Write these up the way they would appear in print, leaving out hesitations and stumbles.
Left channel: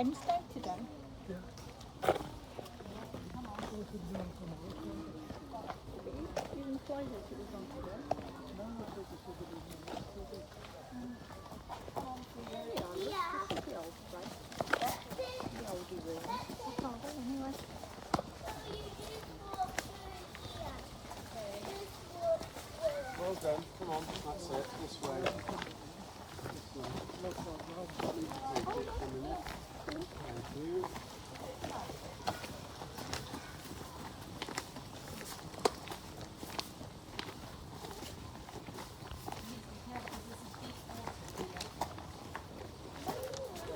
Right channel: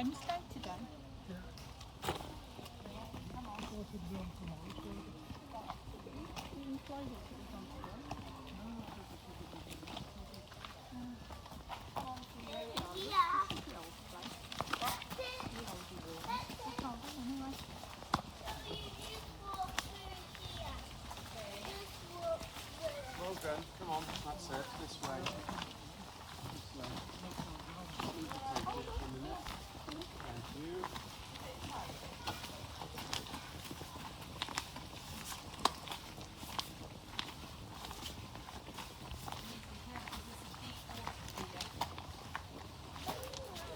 Wednesday today. Well done. Come on, that's it. This way. This way. Take it for a minute. Thank you.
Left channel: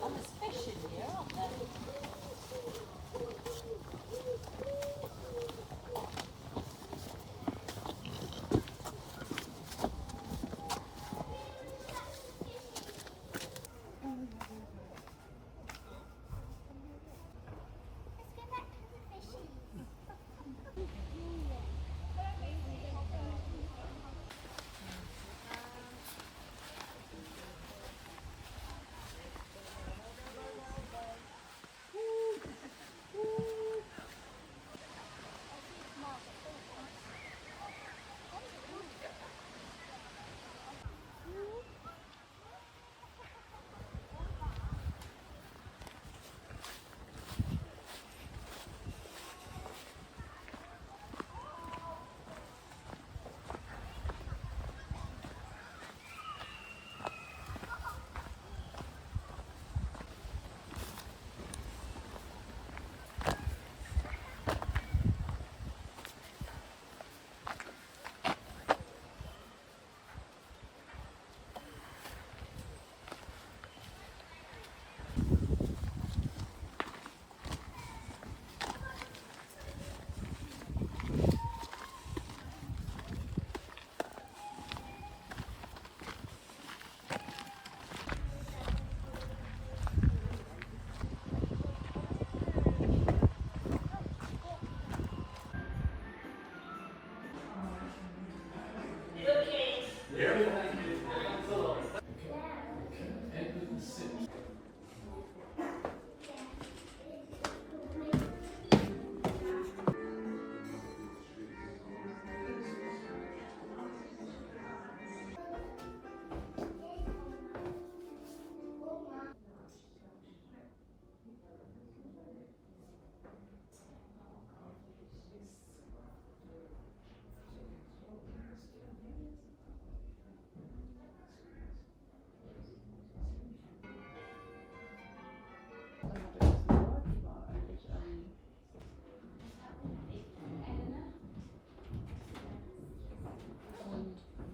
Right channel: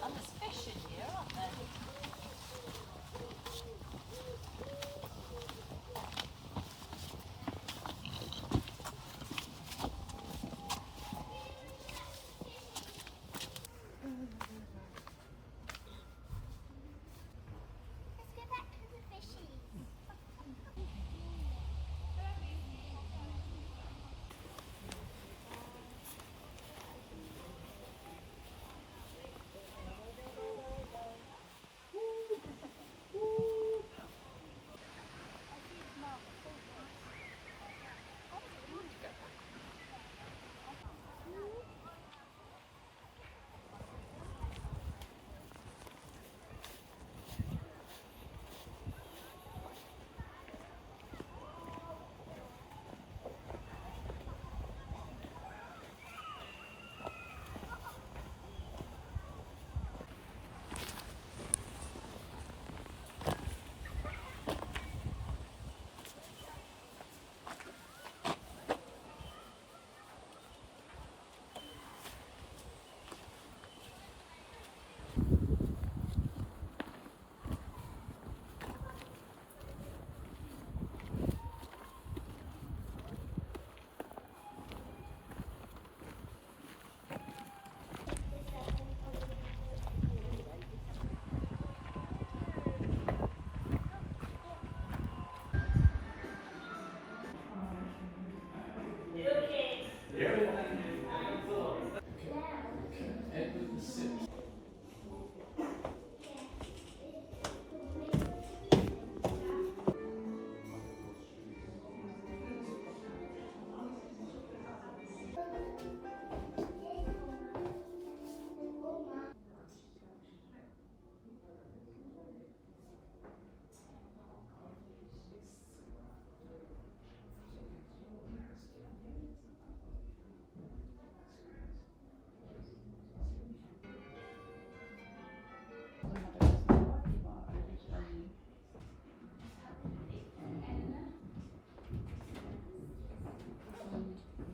And there's fish in here, aren't there? Let's go back to the fishy.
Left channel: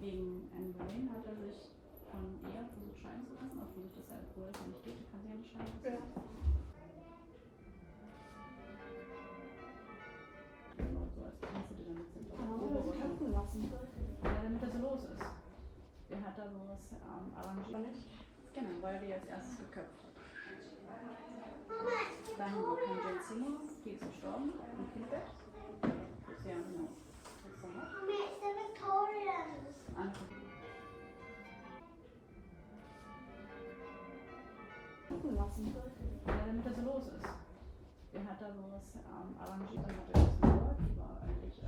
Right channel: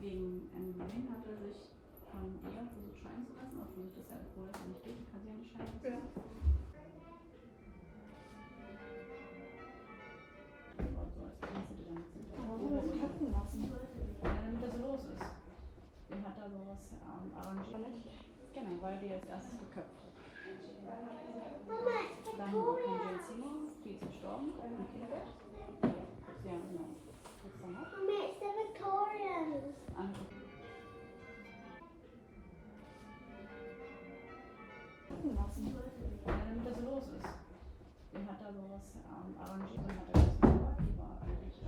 Wegen Berlin hat er sich eher versucht scheiden zu lassen, obwohl sich das ja obwohl es ja nicht geht, kann sie ja nicht scheiden lassen. Aber so als Einzige damit sind. Damit er so los ist. Den hat er sowas arrangiert. Genau, weil er die als erstes geköpft hat. Dann kommt Jane Seymour, die ist gestorben. Okay. Ja, genau. Mommy, it's the Victorians. Damit er so los ist. Den hat er sowas arrangiert. Dann hat er das gehört, die war eigentlich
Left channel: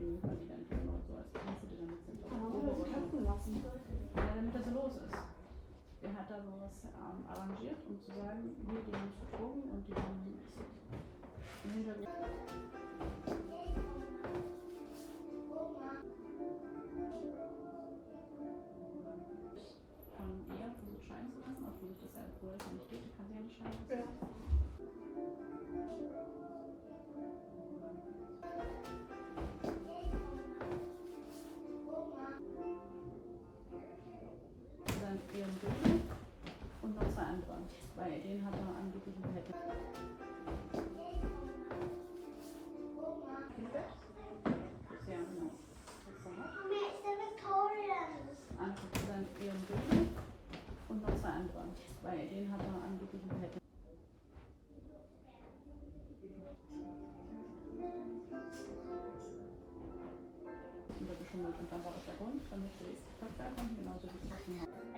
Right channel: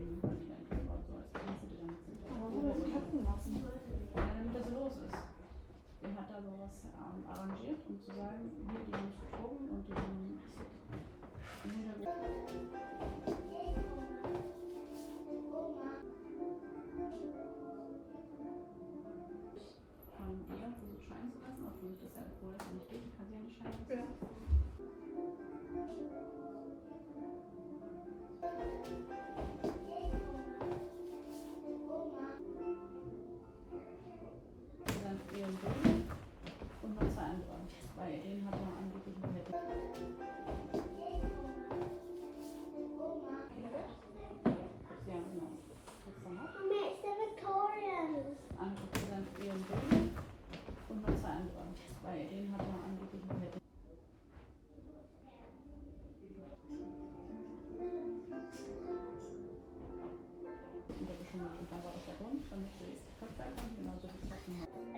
im Überleben oder so als Einzige damit sind. Damit er so los ist. Den hat er sowas arrangiert, um zu sagen, hier, die haben sich betrogen und die haben im Hintergrund. Eher versucht scheiden zu lassen, obwohl sich das ja obwohl es ja nicht geht, kann sie ja nicht scheiden lassen. Dann ihren Sohn und noch zwei andere, weil den hat er angeblich ein Pet. Ja, genau. Mommy, it's the Victorians. Dann ihren Sohn und noch zwei andere, weil den hat er angeblich ein Pet. Untergeschummelt und dann war das der Grund, damit sie es verkaufen, genauso wie es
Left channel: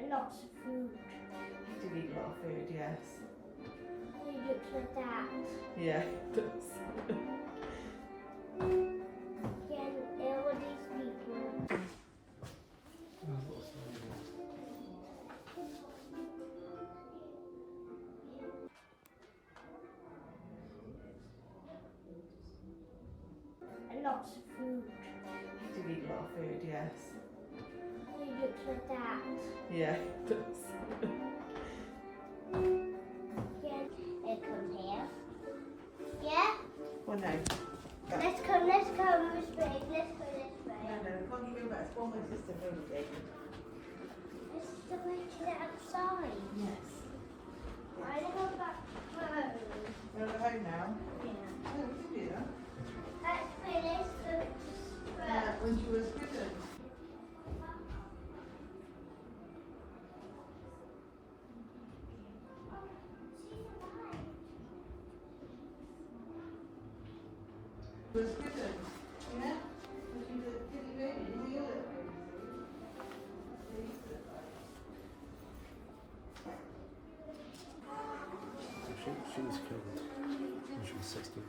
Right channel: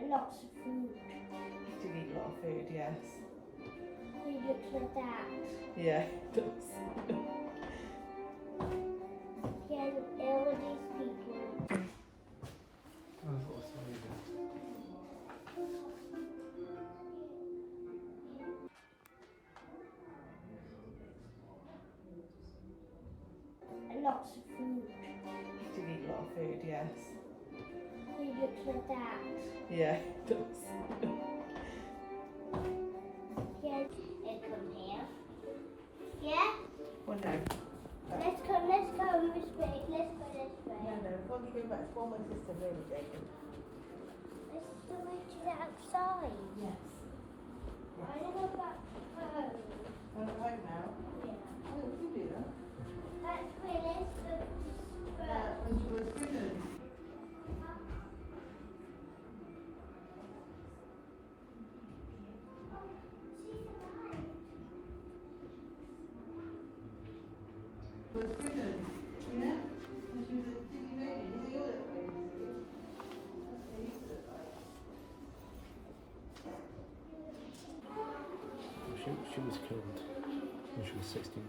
And lots of food. To eat a lot of food. food, yes. He looks like that. Yeah, it does. He has all these people. And lots of food. He did eat a lot of food, yes. He looks like that. Yeah, it does. Yeah. It comes here. Yeah? Well, no. Let's come, Miss Big. Let's go this way. No, can't you go back? It's one my sister really did. This is the way to the outside. Yes. I want to go back home. You're at home now? Yeah. No, we can do that. That's where let's go to When she was prison. Was prison. You know? When she was a pretty baby. You know, you're a baby. They used to She was killed when she was 16.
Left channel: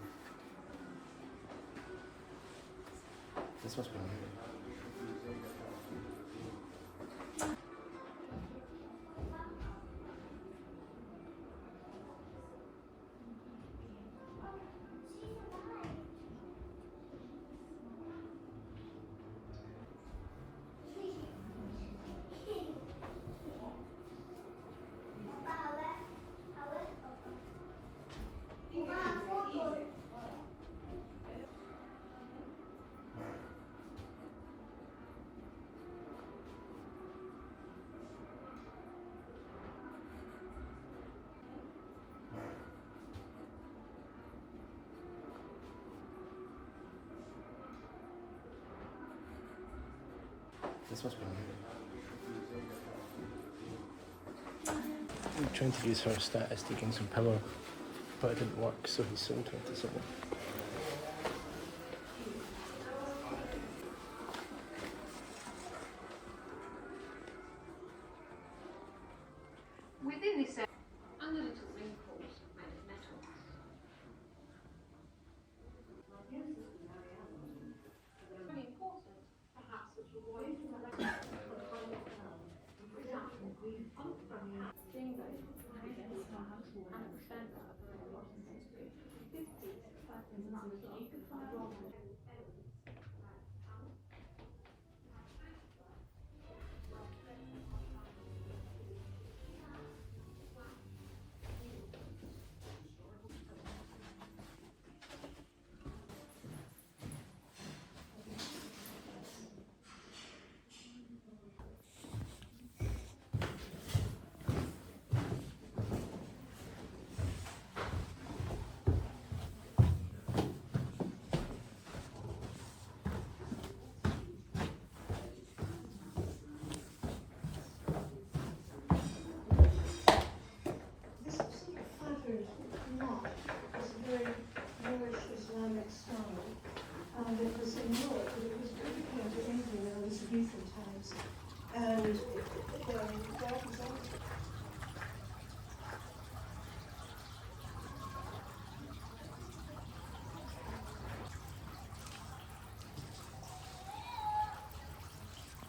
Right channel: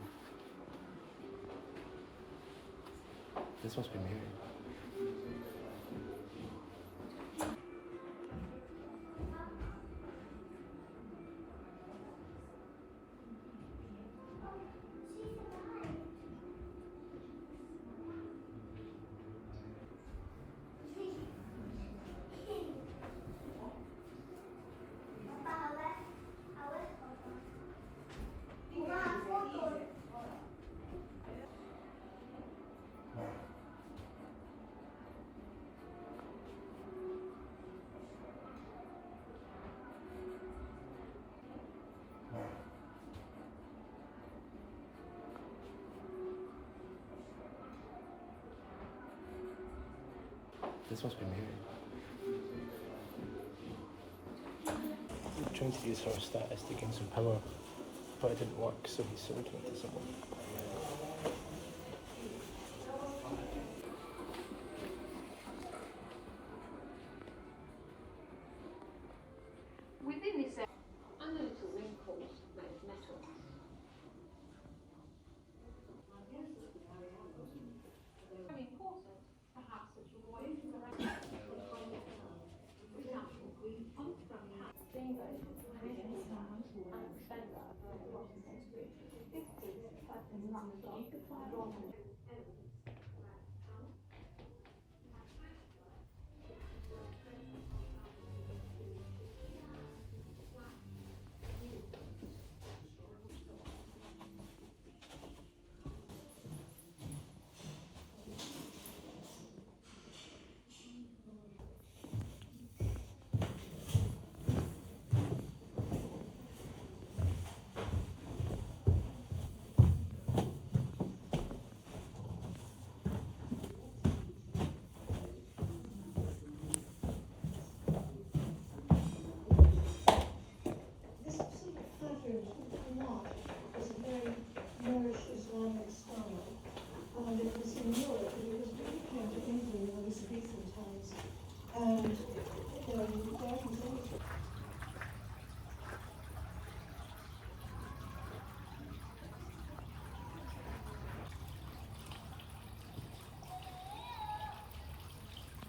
This must be me. This must be me. I'm trying to use her status to gain some power, but it didn't work, so he sold her to someone. Within this, other little wrinkles made of metal. Very important, perhaps, that you want to This flatters not as a very Moorish Islamic style. It was in Europe, but it was very common to England in Elizabethan times. And that was always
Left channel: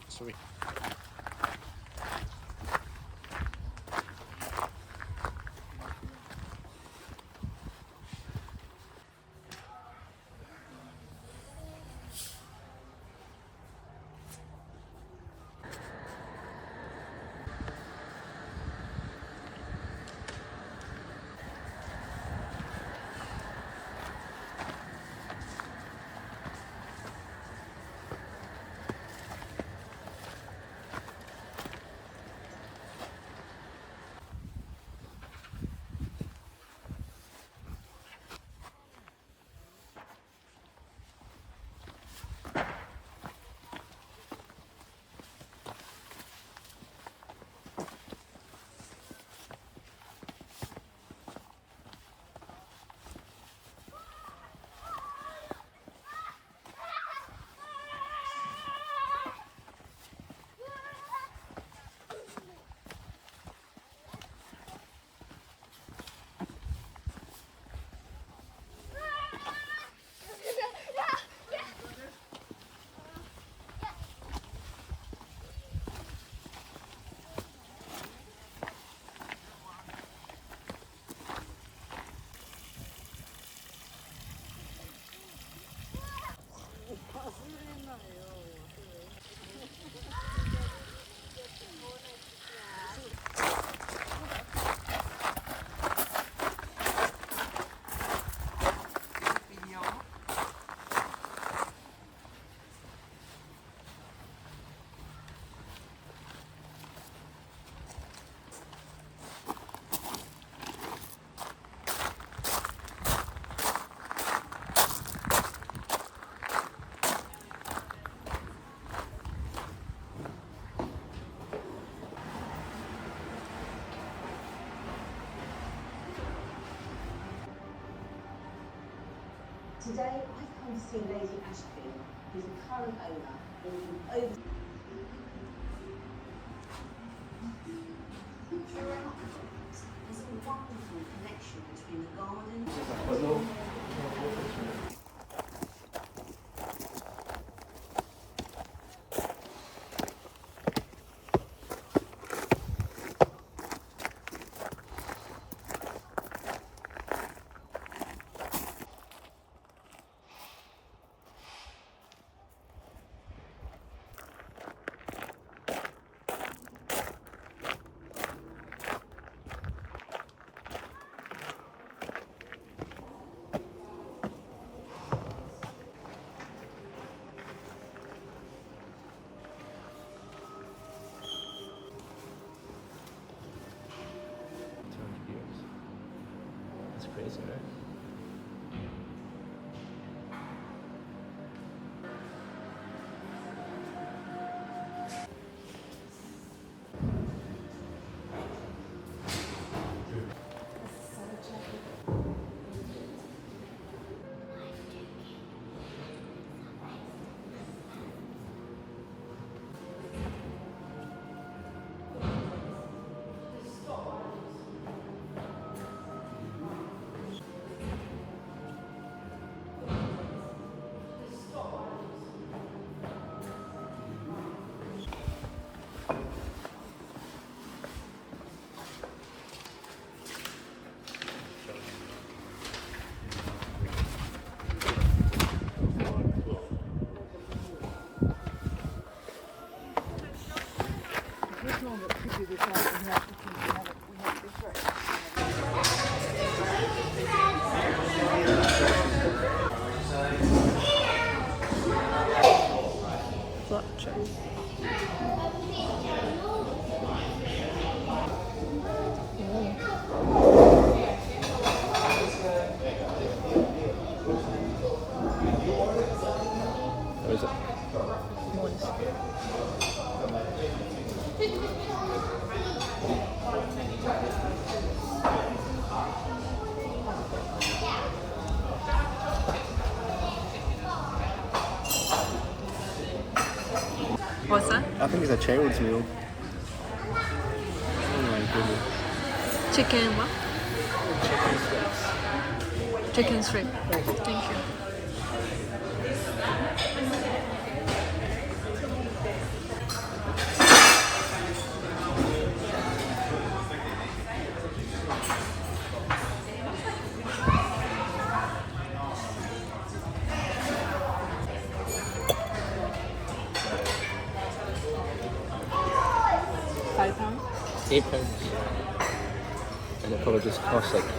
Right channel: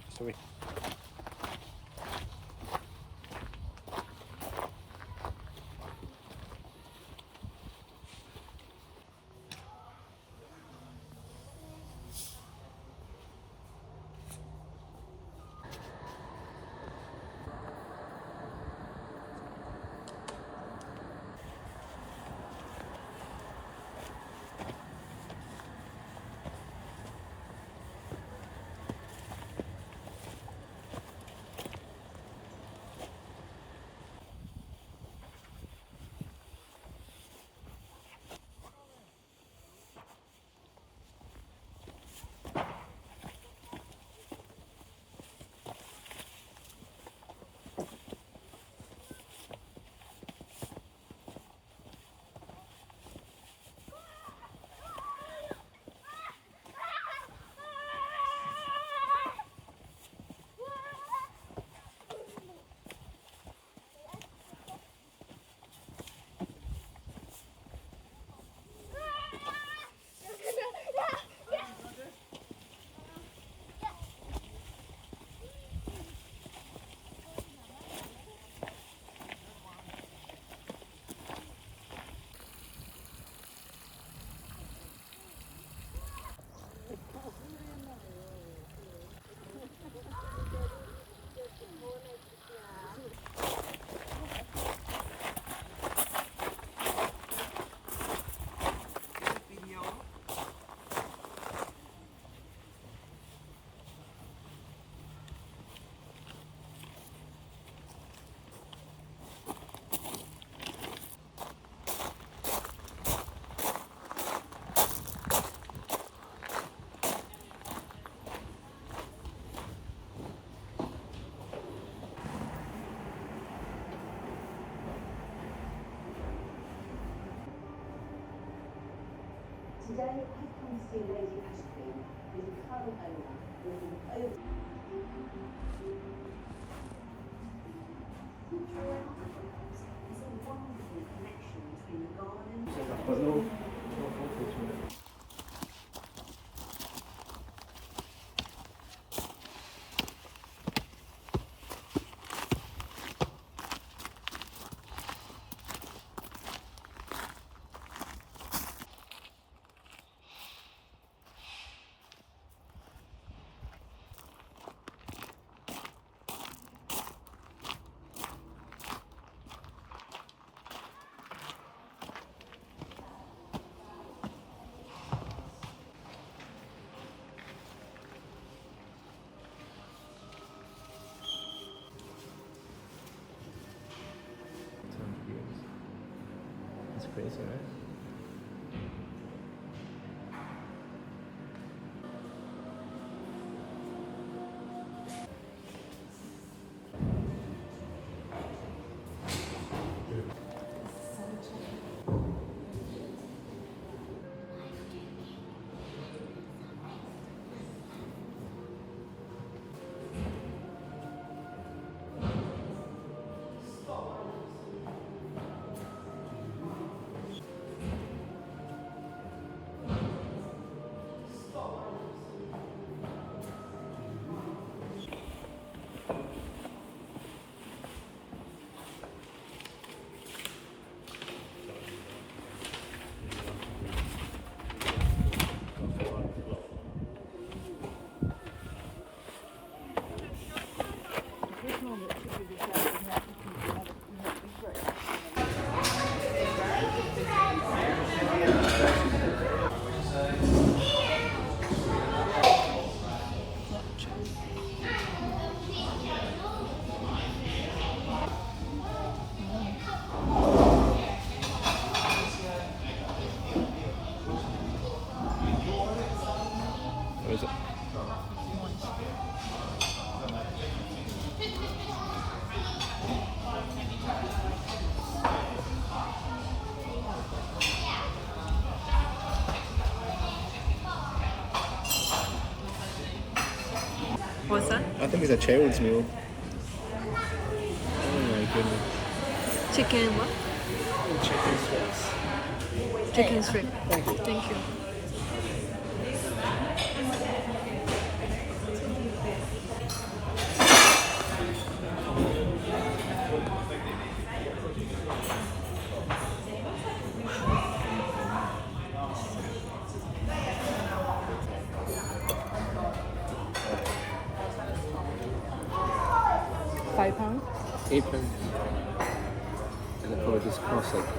Sorry. Today, I've come to see Lady Ashby, who's the current owner of the over. There's a wonderful connection between the garden. That's pretty sorry. Where is it? What's that? I think it's a child's meal. Oh my goodness. Chicken what? Chicken strips. Chicken strip. Thank you. Thank you. £5. £8. And it probably just costs like it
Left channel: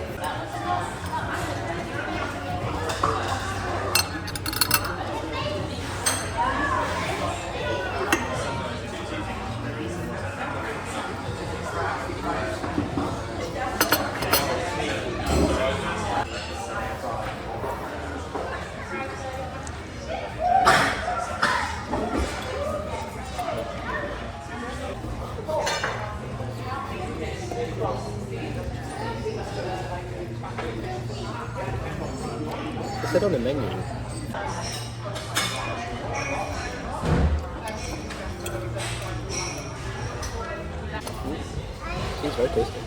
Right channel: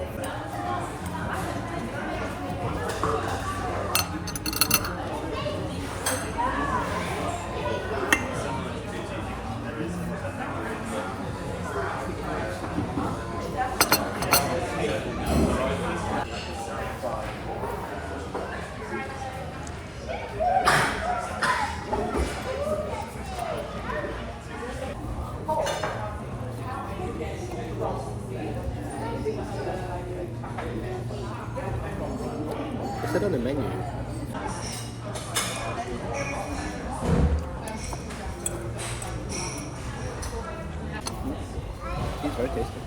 said on the menu. It's very tasty.